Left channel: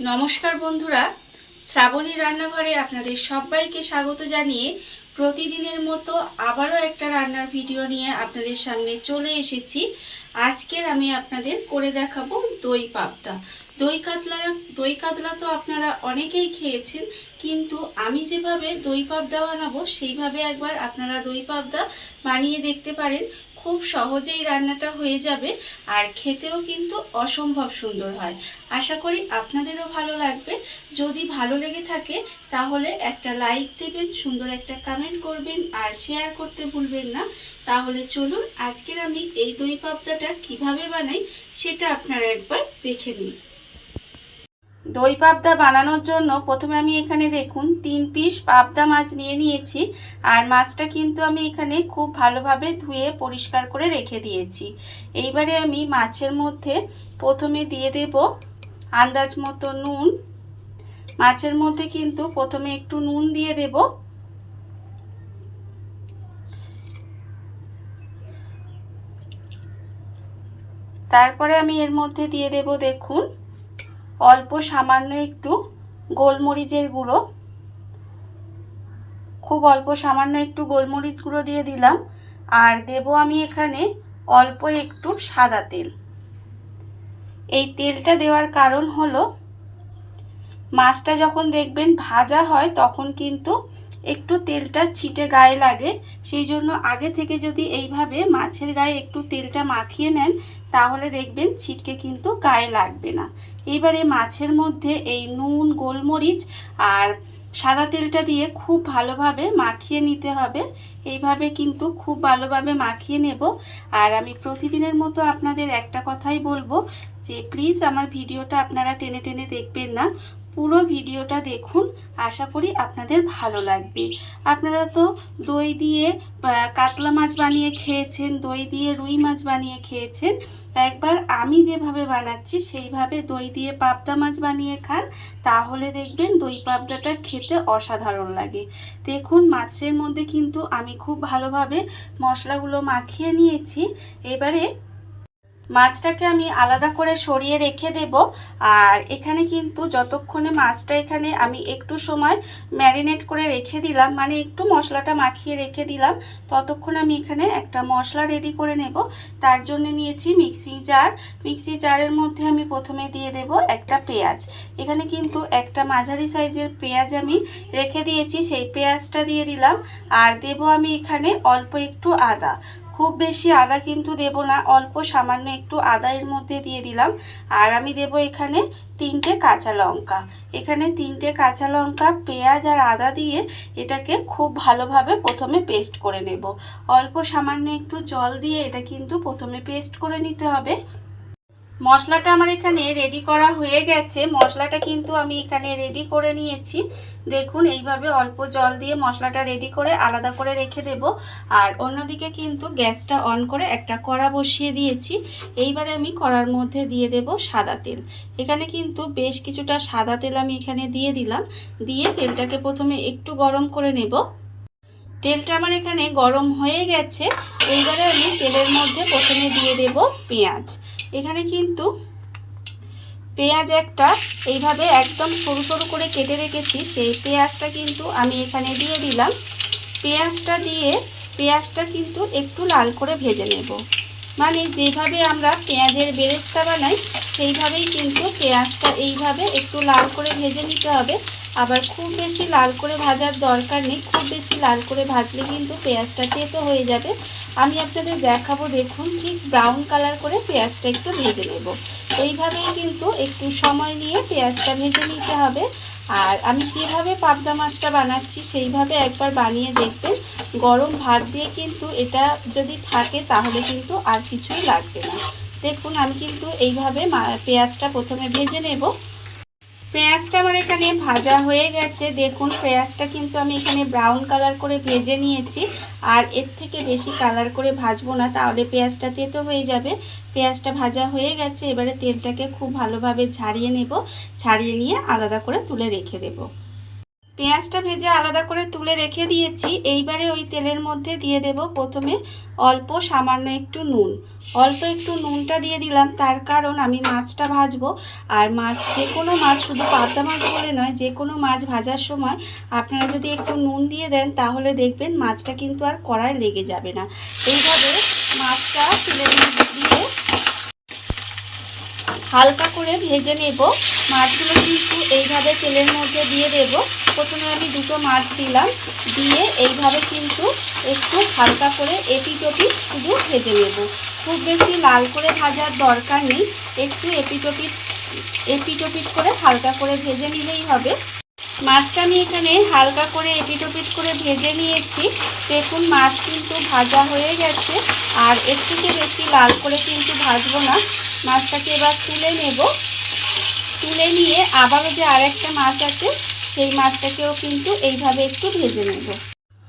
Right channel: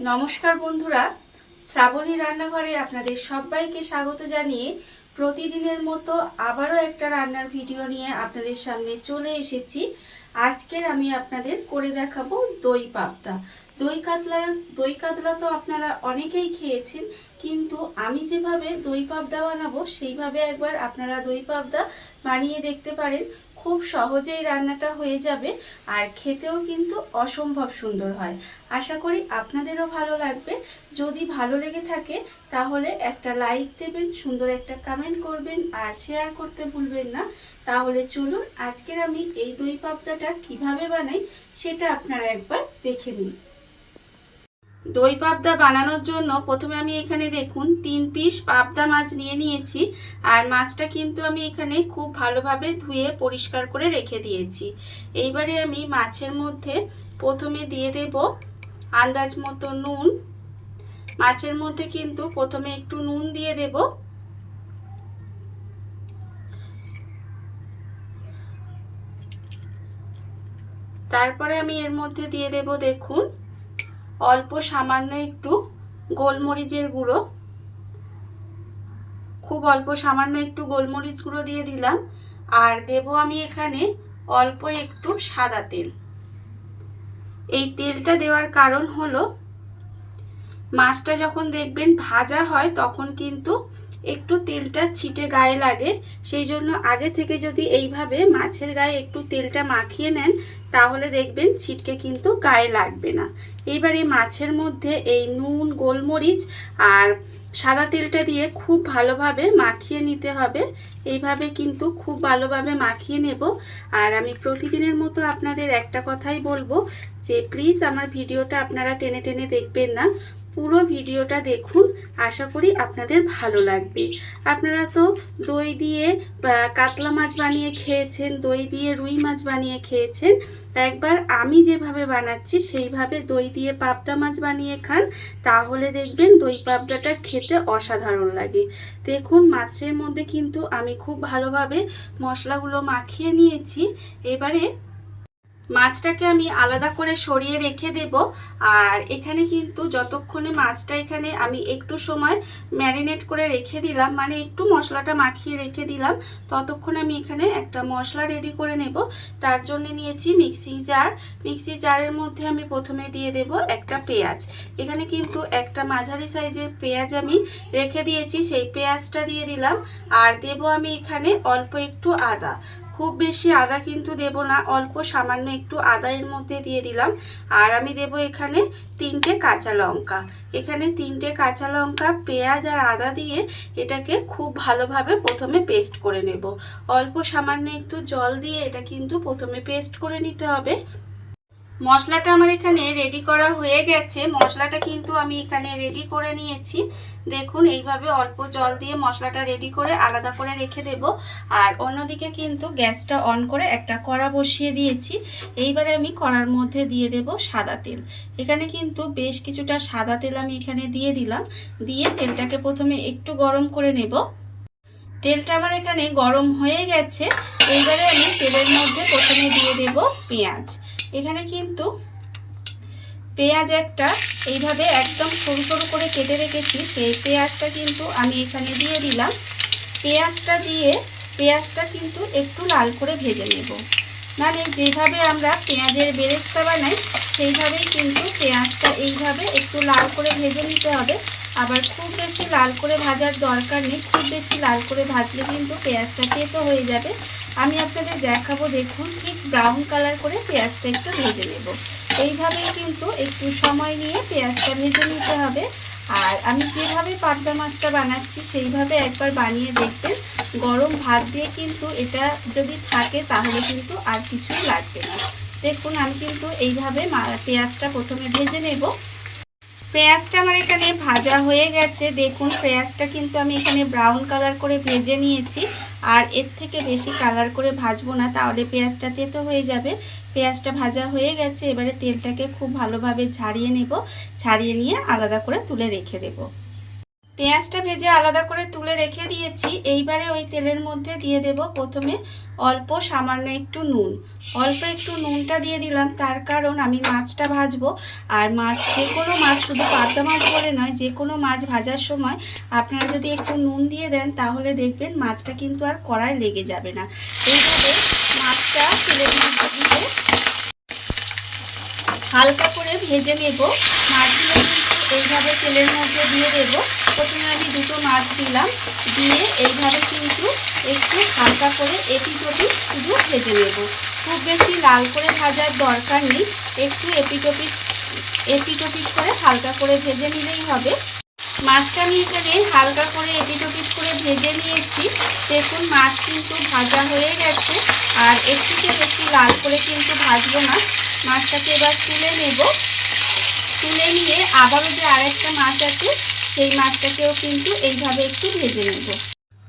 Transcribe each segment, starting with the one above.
নমস্কার বন্ধুরা, শ্রাবণী রান্নাঘরে আপনাদের সবাইকে স্বাগত জানিয়ে প্রতিদিনের মতো আবারও একটা রান্নার ভিডিও নিয়ে আপনাদের সামনে চলে এসেছি। আজকের আমি আপনাদের করে দেখাবো দই পাবদা। দই কাতলা দই কাতলা তো আপনারা অনেকেই খেয়েছেন কিন্তু আমি যেভাবে দই পাবদা বানাবো, সেইভাবে একবার আপনারা দই পাবদা বানিয়ে দেখতে পারেন। খুব সহজেই রান্নাটা হয়ে যাবে আর খেতেও কিন্তু অসম্ভব সুন্দর হয়। আশা করি আপনাদেরও ভালো লাগবে। যদি ভালো লেগে থাকে, তাহলে একটা লাইক দেবেন, সুন্দর একটা কমেন্ট করবেন আর শেয়ার করতে ভুলবেন না। তাহলে চলুন, আজকের আমি এই দই পাবদাটা কীভাবে বানাই, সেটা আপনারা একবার দেখে নিন। দই পাবদা বানানোর জন্য প্রথমে আমি এখানে দেখুন তিন পিস পাবদা মাছ নিয়ে নিয়েছি, আর মাছটা কিন্তু আমি এখানে খুব ভালোভাবে ধুয়ে পরিষ্কার করে রেখে দিয়েছি। এইবারে আমি মাছের মধ্যে প্রথমে দিয়ে দেব আন্দাজ মতো নুন। মাছের মধ্যে কিন্তু প্রথমে একটু নুন দিয়ে দেব। তারপরে আমি এর মধ্যে দিয়ে দেব দেখুন অল্প সামান্য একটু গোলমরিচের গুঁড়ো। খুব অল্প সামান্য একটু গোলমরিচ গুঁড়ো দিয়ে দিলাম। আর দেব আমি এখানে অল্প একটু সাদা তেল। এই তেলটা দেওয়ার কারণ হলো, মাছটা যখন দেখবেন ভাজা হয় তখন কিন্তু একটু তেলটা ছিটে গায়ে লাগে, সেই জন্য আগে থেকে যদি এইভাবে মাছের গায়ে একটু তেলটা মাখিয়ে নেন, তাহলে দেখবেন ছিটকে কিন্তু গায়ে লাগবে না। এবারে মাছের মধ্যে এই নুন, গোলমরিচ আর সাদা তেলটা দিয়ে খুব ভালোভাবে মাখিয়ে নিতে হবে। এইভাবে কিন্তু খুব ভালোভাবে মাখিয়ে নেব। আর আমি প্রতিদিনের মতো আপনাদের একটা কথাই বলব যে, প্লিজ আমার ভিডিওটা আপনারা টেনে টেনে দেখবেন না। পুরো ভিডিওটা দেখুন। আশা করি আপনাদের ভালো লাগবে। আপনারা তো দই দিয়ে কাতলা মাছ বানিয়ে খেয়েছেন, দই দিয়ে রুই মাছ বানিয়ে খেয়েছেন। একবার আমি যেভাবে বানাচ্ছি, সেইভাবে দই দিয়ে পাবদা মাছ বানিয়ে খান, তাহলে দেখবেন দই পাবদাটা খেতে অসাধারণ লাগে। দেখুন, মাছের মধ্যে কিন্তু আমি খুব ভালোভাবে মশলাগুলো মাখিয়ে নিয়েছি। এবারে মাছটাকে আমি আলাদা করে সরিয়ে রেখে দেব। আর এখানে কিন্তু যতক্ষণে মাছটা এখানে আমি একটু সময় ম্যারিনেট করে রেখে দিলাম মানে একটু মশলাটা মাখিয়ে রেখে দিলাম, ততক্ষণ আমি এখানে একটা মশলা রেডি করে নেব। তার জন্য নিয়েছি মিক্সি জার মিক্সি জারের মধ্যে আমি প্রথমে দিয়ে দেব একটা পেঁয়াজ। এখানে কিন্তু একটা মাঝারি সাইজের পেঁয়াজ আমি রেখে দিয়েছি, সেই পেঁয়াজটা দিয়ে দিলাম। আর দেব আমি এখানে অল্প একটু আদা। খুব বেশি আদা কিন্তু দেব না, অল্প সামান্য একটু আদায়ের মধ্যে দিয়ে দিলাম। আর আমি দেব এখানে তিনটে কাঁচা লঙ্কা। এখানে তিনটে কাঁচা লঙ্কা, পেঁয়াজ আর আদা দিয়ে এটাকে খুব ভালোভাবে প্রথমে পেস্ট করে নেব। অল্প সামান্য একটু জল দিয়ে এটা কিন্তু প্রথমে পেস্ট করে নিতে হবে। মশলাটা আমার এখানে রেডি করা হয়ে গেছে। মশলাটা কিন্তু আমি এখানে রেডি করে নিয়েছি। দেখুন, এইভাবে অল্প জল দিয়ে মশলাটা রেডি করে আলাদা করে রেখে দেব। আর অন্যদিকে কিন্তু গ্যাসটা অন করে একটা কড়া বসিয়ে দিয়েছি। এইবারে আমি কড়ার মধ্যে দিয়ে দেব সাদা তেল। এখানে কিন্তু বেশ কিছুটা সাদা তেল আমি এখানে দিয়ে দিলাম। দিয়ে তেলটাকে প্রথমে একটু গরম করে নেব। তেলটা আমার এখানে গরম হয়ে গেছে। এইবারে আমি তেলের মধ্যে প্রথমে দিয়ে দেব পেঁয়াজ। এখানে কিন্তু পেঁয়াজ একটা এইভাবে একদম সরু সরু করে কেটে রেখেছি, সেই পেঁয়াজটা কিন্তু আমি এখানে দিয়ে দিলাম। পেঁয়াজটা দিয়ে পেঁয়াজটা কিন্তু একটু লাল করে ভেজে নেব। মানে যেভাবে আমরা পেঁয়াজের বেরেস্তা বানাই, সেইভাবেই কিন্তু পেঁয়াজটা এইভাবে একটু লাল করে ভেজে নিতে হবে। আবার খুব বেশি লাল করে ভাজার দরকার নেই, খুব বেশি লাল করে ভাজলে কিন্তু পেঁয়াজটা তেতো হয়ে যাবে। আমি আপনাদের দেখাবো, দেখুন, ঠিক ব্রাউন কালার করে পেঁয়াজটা একটু ভেজে নেব। এইভাবেই কিন্তু একটু সময় নিয়ে পেঁয়াজটা ভেজে নিতে হবে। আর আমি যেভাবে পাবদা মাছটা বানাচ্ছি, সেইভাবে একবার বানিয়ে দেখবেন। গরম ভাত দিয়ে কিন্তু এটা যদি থাকে, তাহলে কিন্তু আর কিছুই লাগবে না। দেখুন, আমি কিন্তু এইভাবে পেঁয়াজটা প্রথমে ভেজে নেব। পেঁয়াজটা আমার এখানে ভাজা হয়ে গেছে। দেখুন, পেঁয়াজটা কিন্তু আমি এখানে ব্রাউন কালার করে ভেজে নিয়েছি। আর এর থেকে বেশি কালার করে ভাজবো না, তাহলে পেঁয়াজটা তেতো হয়ে যাবে। পেঁয়াজটা ভাজা হয়ে গেছে, এবারে তেলটাকে খুব ভালোভাবে ছাড়িয়ে নেব। ছাড়িয়ে নিয়ে আলাদা করে তুলে রেখে দেব। পেঁয়াজটা ভেজে আলাদা করে তুলে রেখে দিয়েছি। এইবারে ওই তেলের মধ্যে দিয়ে দেব প্রথমে অল্প সামান্য একটু নুন। অল্প একটু নুনটা দিয়ে দিলাম, তার কারণ আমি মাছটা ভাজবো। আর মাছ, যে কোনো মাছ শুধু পাবদা মাছ বলে নয়, যে কোনো মাছ ভাজার সময় আপনারা যদি একটু নুন দিয়ে দেন, তাহলে দেখবেন মাছটা কিন্তু আর কড়ায় লেগে যাবে না। এইভাবে মাছটা তেলের মধ্যে দিয়ে হালকা করে ভেজে নেব। মাছগুলো কিন্তু এইভাবে তেলের মধ্যে দিয়ে দেব। প্রথমে আমি দুটো মাছ দিলাম। দিয়ে এইভাবে কিন্তু একটু হালকা করে এপিটোপিট শুধু ভেজে নেব। খুব বেশি লাল করে ভাজার দরকার নেই। একটু এপিটোপিট এপিটোপিট করে হালকা করে ভেজে নিলেই হবে। মাছটা আমি এখানে হালকা করে এপিটোপিট করে ভেজে নিয়েছি। দেখুন, মাছ কিন্তু ভাজা হয়ে গেছে। আর এর থেকে বেশি লাল করে কিন্তু ভাজবো না। মাছটাকে এবার তুলে নেব। তুলে নিয়ে আবারও যে আরেকটা মাছ আছে, সেই মাছটাকেও কিন্তু এইভাবে একটু ভেজে নেব।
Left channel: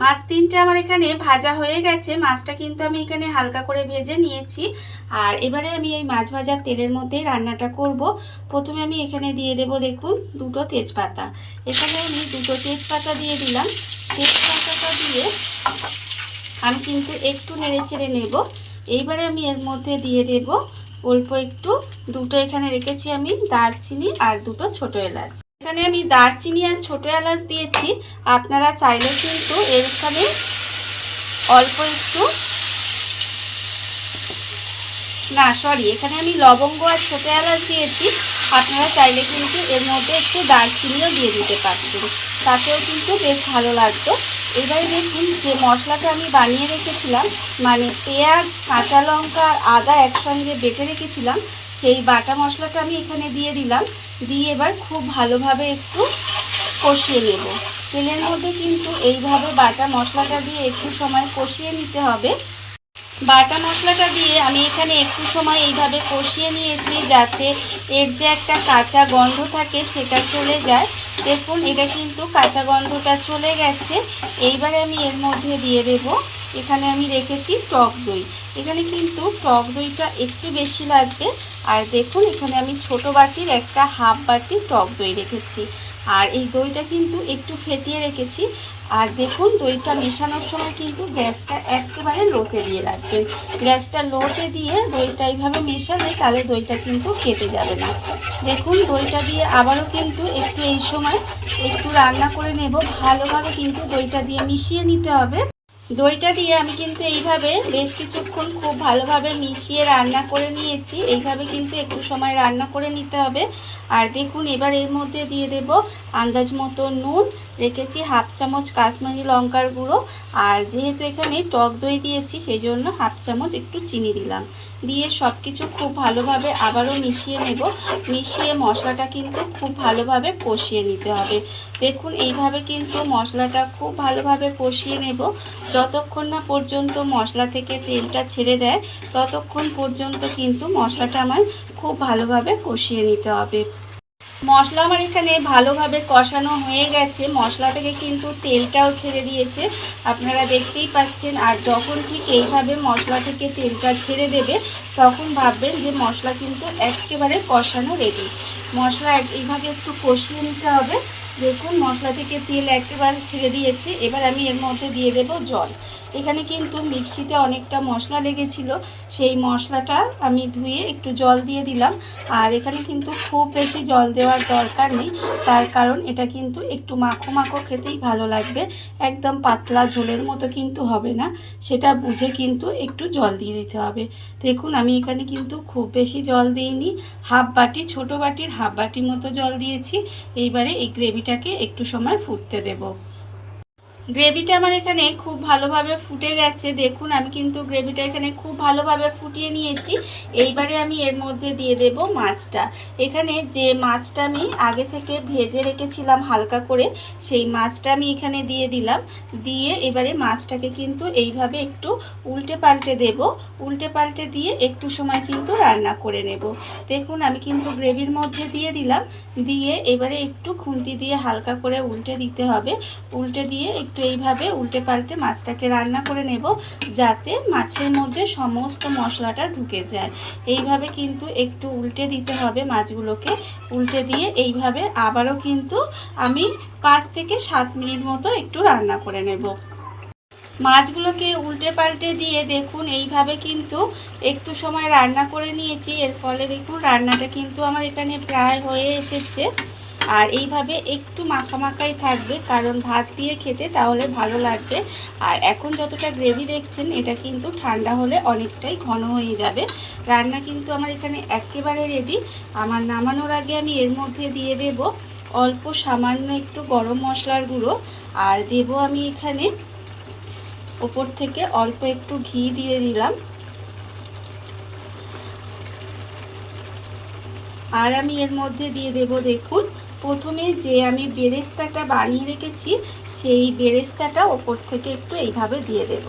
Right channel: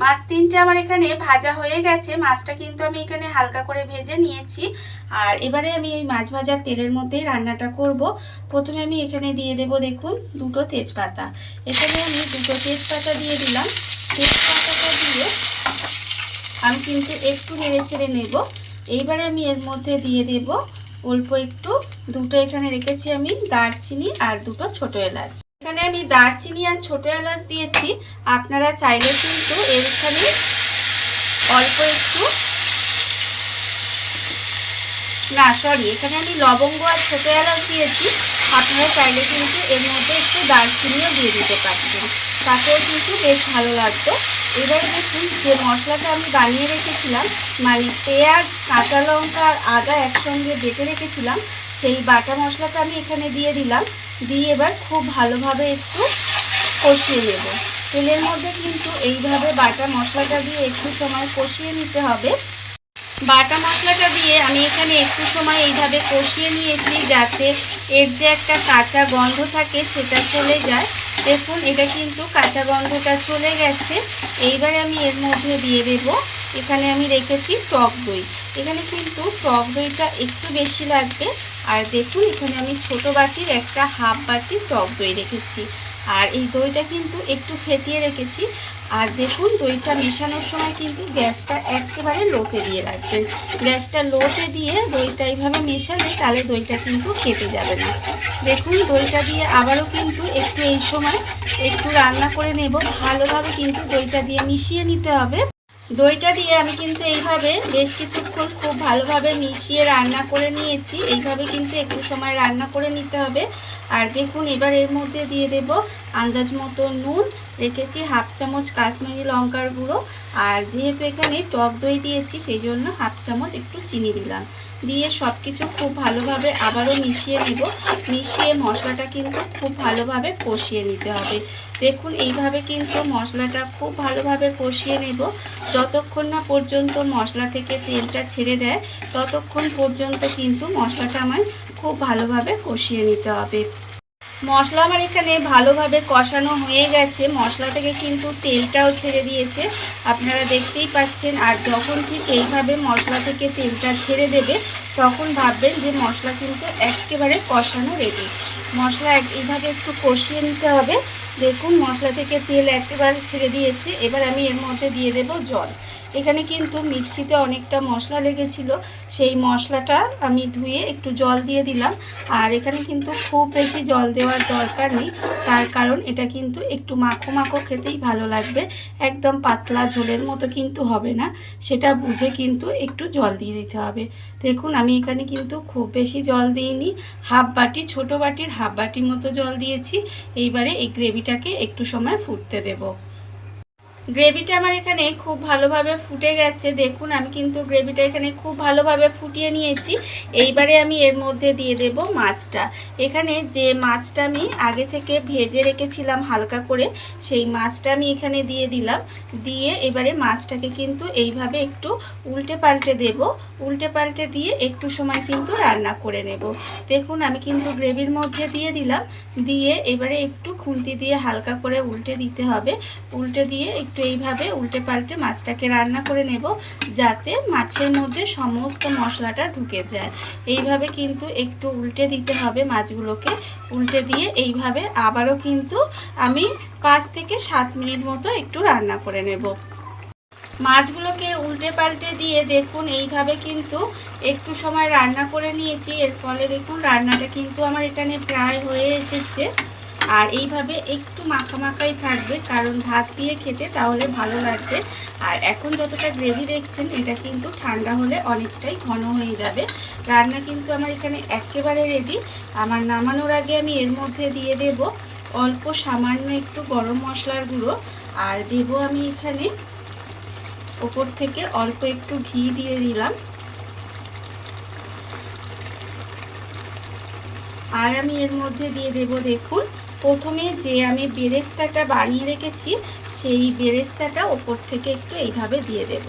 মাছ তিনটে আমার এখানে ভাজা হয়ে গেছে। মাছটা কিন্তু আমি এখানে হালকা করে ভেজে নিয়েছি। আর এবারে আমি এই মাছ ভাজার তেলের মধ্যেই রান্নাটা করব। প্রথমে আমি এখানে দিয়ে দেব দেখুন, দুটো তেজপাতা। এখানে আমি দুটো তেজপাতা দিয়ে দিলাম। তেজপাতাটা দিয়ে আমি কিন্তু একটু নেড়ে চেড়ে নেব। এইবারে আমি এর মধ্যে দিয়ে দেব অল্প একটু। দুটো এখানে রেখেছি আমি দারচিনি আর দুটো ছোট এলাচ। এখানে আমি দারচিনি আর ছোট এলাচ দিয়েছি। আপনারা চাইলে কিন্তু এর এখানে অল্প একটু না সরি এখানে আমি লবঙ্গ আর ছোট এলাচ দিয়েছি। আপনারা চাইলে কিন্তু এর মধ্যে একটু দারচিনিও দিয়ে দিতে পারতেন তাতেও কিন্তু বেশ ভালো লাগতো। এবারে দেখুন যে মশলাটা আমি বানিয়ে রেখেছিলাম মানে পেঁয়াজ, কাঁচা লঙ্কা আর আদা একসঙ্গে বেটে রেখেছিলাম, সেই বাটা মশলাটা আমি এখানে দিয়ে দিলাম। দিয়ে এবার খুব ভালোভাবে একটু কষিয়ে নেব। তেলের মধ্যে কিন্তু এইভাবে বাটা মশলাটা দিয়ে একটু সময় কষিয়ে নিতে হবে। বাটা মশলাটা দিয়ে আমি এখানে একটু সময় এইভাবে কষিয়ে নিয়েছি যাতে এর যে একটা কাঁচা গন্ধ থাকে সেটা চলে যায়। দেখুন, এটা কিন্তু কাঁচা গন্ধটা চলে গেছে। এইবারে আমি এর মধ্যে দিয়ে দেব। এখানে আমি রেখেছি টক দই। এখানে কিন্তু টক দইটা একটু বেশি লাগবে। আর দেখুন, এখানে আমি ছোট বাটির একটা হাফ বাটি টক দই রেখেছি। আর এই দইটা কিন্তু একটু ফেটিয়ে রেখেছি। আর দেখুন, দইটা মেশানোর সময় কিন্তু গ্যাসটা একেবারে লোতে দিয়ে রাখবেন। গ্যাসটা লোতে দিয়ে দইটা এইভাবে মেশালে তাহলে দইটা কিন্তু কেটে যাবে না। দেখুন, দইটা দিয়ে আবারও কিন্তু একটু এই সময় একটু রান্না করে নেব। ভালোভাবে কিন্তু দইটা দিয়ে মিশিয়ে নিতে হবে। দইটা দিয়ে আমি কিন্তু এইভাবে বেশ কিছুক্ষণ খুব ভালোভাবে মিশিয়ে রান্না করে নিয়েছি। এইভাবে কিন্তু একটু সময় রান্না করে নিতে হবে। আর দেখুন, এবার এর মধ্যে দিয়ে দেব আন্দাজ মতো নুন রেখেছি হাফ চামচ কাশ্মীরি লঙ্কার গুঁড়ো। আর যেহেতু এখানে টক দই দিয়েছি সেই জন্য হাফ চামচ একটু চিনি দিলাম। দিয়ে সব কিছু খুব ভালোভাবে আবারও মিশিয়ে নেব। মিশিয়ে মশলাটা কিন্তু খুব ভালোভাবে কষিয়ে নিতে হবে। দেখুন, এইভাবে কিন্তু মশলাটা খুব ভালোভাবে কষিয়ে নেব। যতক্ষণ না পর্যন্ত মশলা থেকে তেলটা ছেড়ে দেয়, ততক্ষণ পর্যন্ত কিন্তু মশলাটা আমায় খুব ভালোভাবে কষিয়ে নিতে হবে। মশলা আমার এখানে ভালোভাবে কষানো হয়ে গেছে। মশলা থেকে কিন্তু তেলটাও ছেড়ে দিয়েছে। আপনারা দেখতেই পাচ্ছেন, আর যখন ঠিক এইভাবে মশলা থেকে তেলটা ছেড়ে দেবে, তখন ভাববেন যে মশলা কিন্তু একেবারে কষানো রেডি মশলা এইভাবে একটু কষিয়ে নিতে হবে। দেখুন, মশলা থেকে তেল একেবারে ছেড়ে দিয়েছে। এবার আমি এর মধ্যে দিয়ে দেব জল। এখানে কিন্তু মিক্সিতে অনেকটা মশলা লেগেছিল। সেই মশলাটা আমি ধুয়ে একটু জল দিয়ে দিলাম। আর এখানে কিন্তু খুব বেশি জল দেওয়ার দরকার নেই। তার কারণ এটা কিন্তু একটু মাখো মাখো খেতেই ভালো লাগবে। একদম পাতলা ঝোলের মতো কিন্তু হবে না। সেটা বুঝে কিন্তু একটু জল দিয়ে দিতে হবে। দেখুন, আমি এখানে কিন্তু খুব বেশি জল দিইনি। হাফ বাটি, ছোট বাটির হাফ বাটির মতো জল দিয়েছি। এইবারে এই গ্রেভিটাকে একটু সময় ফুটতে দেবো। গ্রেভিটা আমার এখানে খুব ভালোভাবে ফুটে গেছে। দেখুন, আমি কিন্তু গ্রেভিটা এখানে খুব ভালোভাবে ফুটিয়ে নিয়েছি। এইবারে আমি এর মধ্যে দিয়ে দেব মাছটা। এখানে যে মাছটা আমি আগে থেকে ভেজে রেখেছিলাম হালকা করে, সেই মাছটা আমি এখানে দিয়ে দিলাম। দিয়ে এবারে মাছটাকে কিন্তু এইভাবে একটু উল্টে পাল্টে দেব। উল্টে পাল্টে দিয়ে একটু সময় কিন্তু রান্না করে নেব। দেখুন, আমি কিন্তু গ্রেভির মধ্যে দিয়ে দিলাম। দিয়ে এবারে একটু খুন্তি দিয়ে হালকা করে উল্টে দিতে হবে। উল্টে দিয়ে একটু একটু এইভাবে উল্টে পাল্টে মাছটাকে রান্না করে নেব যাতে মাছের মধ্যে সমস্ত মশলাটা ঢুকে যায়। এইভাবে কিন্তু একটু উল্টে দিতে হবে মাছগুলোকে। উল্টে দিয়ে এইভাবে আবারও কিন্তু আমি পাঁচ থেকে সাত মিনিট মতো একটু রান্না করে নেব। মাছগুলোকে উল্টে পাল্টে দিয়ে দেখুন, এইভাবে কিন্তু একটু সময় রান্না করে নিয়েছি। এর ফলে দেখুন, রান্নাটা কিন্তু আমার এখানে প্রায় হয়ে এসেছে। আর এইভাবে একটু মাখা মাখাই থাকবে, কারণ ভাত দিয়ে খেতে তাহলে ভালো লাগবে। আর এখন যতটা গ্রেভি দেখছেন, এটা কিন্তু ঠান্ডা হলে অনেকটাই ঘন হয়ে যাবে। রান্না কিন্তু আমার এখানে একেবারে রেডি আমার নামানোর আগে আমি এর মধ্যে দিয়ে দেব অল্প সামান্য একটু গরম মশলার গুঁড়ো। আর দেব আমি এখানে ওপর থেকে অল্প একটু ঘি দিয়ে দিলাম। আর আমি এর মধ্যে দিয়ে দেব দেখুন প্রথমে যে আমি বেরেস্তাটা বানিয়ে রেখেছি, সেই বেরেস্তাটা ওপর থেকে একটু এইভাবে দিয়ে দেব।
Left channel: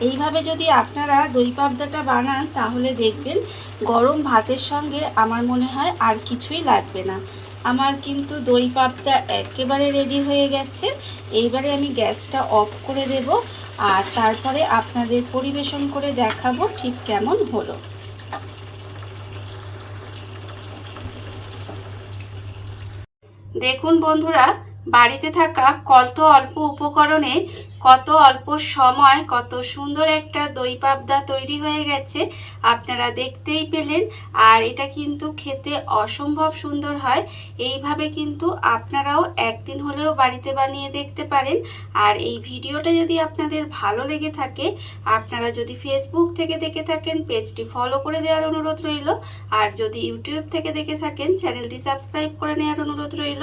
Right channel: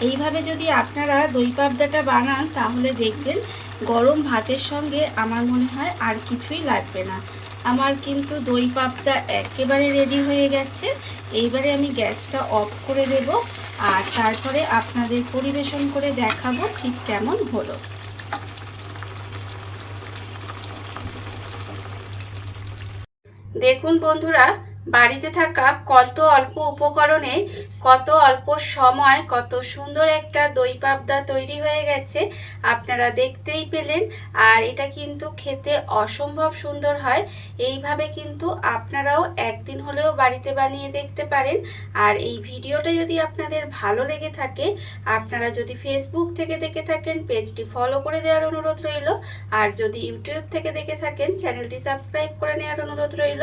এইভাবে যদি আপনারা দই পাবদাটা বানান, তাহলে দেখবেন গরম ভাতের সঙ্গে আমার মনে হয় আর কিছুই লাগবে না। আমার কিন্তু দই পাবদা একেবারে রেডি হয়ে গেছে। এইবারে আমি গ্যাসটা অফ করে দেব আর তারপরে আপনাদের পরিবেশন করে দেখাবো ঠিক কেমন হলো। দেখুন বন্ধুরা বাড়িতে থাকা কত অল্প উপকরণে, কত অল্প সময়, কত সুন্দর একটা দই পাবদা তৈরি হয়ে গেছে, আপনারা দেখতেই পেলেন। আর এটা কিন্তু খেতে অসম্ভব সুন্দর হয়। এইভাবে কিন্তু আপনারাও একদিন হলেও বাড়িতে বানিয়ে দেখতে পারেন। আর এই ভিডিওটা যদি আপনাদের ভালো লেগে থাকে, আপনারা যদি ফেসবুক থেকে দেখে থাকেন, পেজটি ফলো করে দেওয়ার অনুরোধ রইল। আর যদি ইউটিউব থেকে দেখে থাকেন চ্যানেলটি সাবস্ক্রাইব করে নেওয়ার অনুরোধ রইল।